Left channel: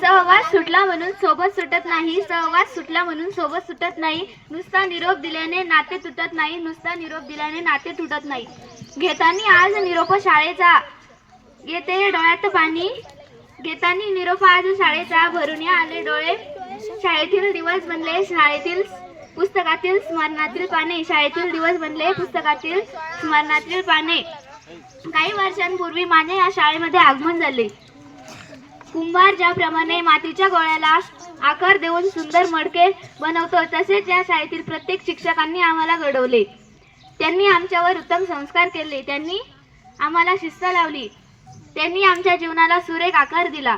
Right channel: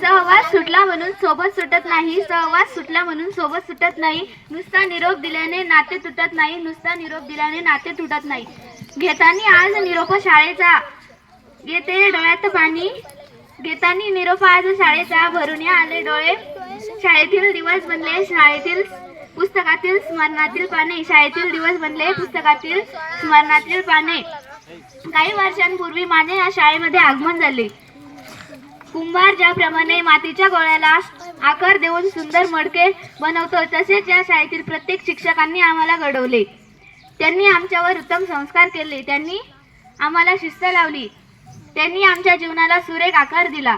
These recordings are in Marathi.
सहवास सुटला म्हणून सोबत सुटत नाही, सहवास सुटला म्हणून सोबत सुटत नाही. नुसता निरोप दिल्याने नाते तुटत नाही, नुसता निरोप दिल्याने नाते तुटत नाही. घेतानी आज निरोप शाळेचा, येते डोळ्यात पाणी. घेतानी निरोप आज शाळेचा, भरून आले डोळे. शाळेतील दिवस बनले शाळेतील पुस्तकातील स्मरणातील पाने. शाळेतील दिवस बनले पुस्तकातील स्मरणातील पाने. काही वर्षांपूर्वी माझे या शाळेमध्ये आगमन झाले. कुंभार ज्याप्रमाणे मातीच्या गोळ्याला आकार देऊन सुंदर मडके बनवतो, तसेच या शाळेतील प्रत्येक शिक्षकांनी आम्हाला घडवले. त्यांनी आमच्यावर उत्तम संस्कार केले. त्यांनी आम्हाला शिस्त लावली. त्यांनी आमच्या जीवनाला सुरेख आकार दिला.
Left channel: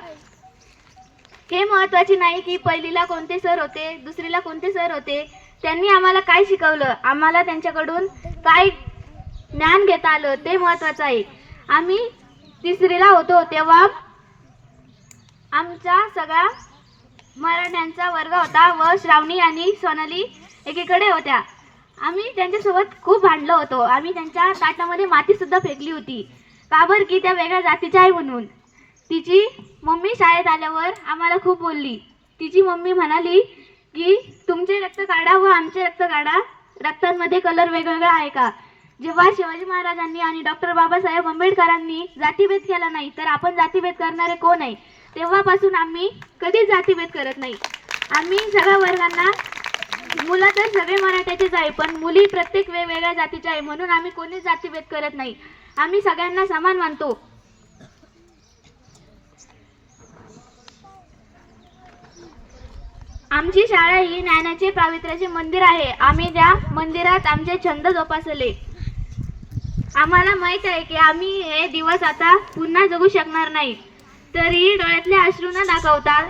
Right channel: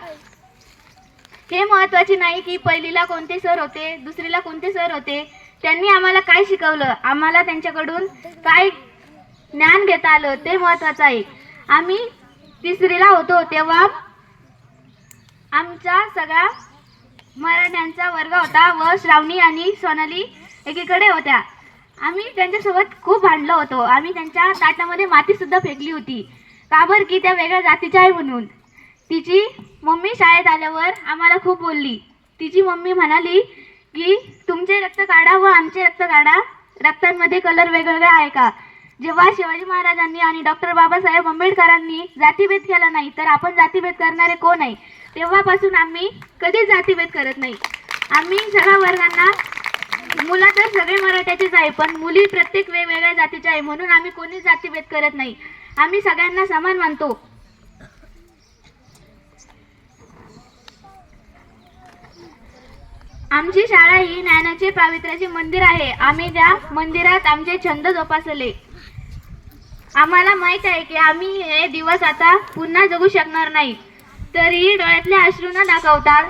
हे महत्त्वाचे नाही की पहिलीला कोणते सर होते, दुसरीला कोणते सर होते. त्यांनी आम्हाला काय शिकवलं, आम्हाला त्यांच्याकडून काय ज्ञान घेता आलं ते महत्त्वाचं आहे. आम्ही तिसरीला होतो तेव्हा आमचा सगळा मराठ्यांचा वर्ग होता व श्रावणी आणि सोनाली एकीकडे होत्या. आम्ही त्यांच्यासोबत खूप भांडलो होतो. आम्ही त्यांच्या ताटामध्ये माती सुद्धा फेकली होती. का बरं की त्या वेगळ्या जातीच्या आहे म्हणून. तिची मम्मी शाळेत आल्यावर आम्हाला खूप बोलली. तिची मम्मी म्हणाली की तुमचे रक्त काढा व आमचे रक्त काढा, रक्तांमध्ये कलर वेगवेगळा आहे का. जेव्हा शिवाजी महाराजांनी आणि डॉक्टर बाबासाहेब आंबेडकरांनी जातीभेद केला नाही, तर आपण जातीभेद करणारे कोण आहे. तेव्हापासून आम्ही कधीच जातीभेद करत नाही. आम्ही सगळ्या वर्गांना, मुलं तर सगळे मराठ्याचेच आहे, पण मुली प्रत्येक वेगवेगळ्या जातीच्या आहे, म्हणून आम्ही कोणीच जातीभेद करत नाही. आम्ही सगळ्यांना समान मानतो. आमची शाळा ही ज्ञानाचे पावित्र्याचे मंदिर आहे. आम्ही त्या मंदिरात आमचे छंद जोपासले. आम्हाला माहित आहे की आम्ही हे दिवस आता पुन्हा जगू शकणार नाही, तरीही डोळ्यातले अश्रू न दाखवता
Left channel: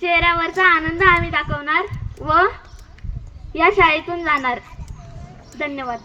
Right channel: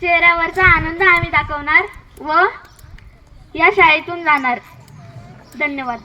चेहऱ्यावरचा आनंद आम्ही दाखवणार व या शाळेतून जाणार. धन्यवाद.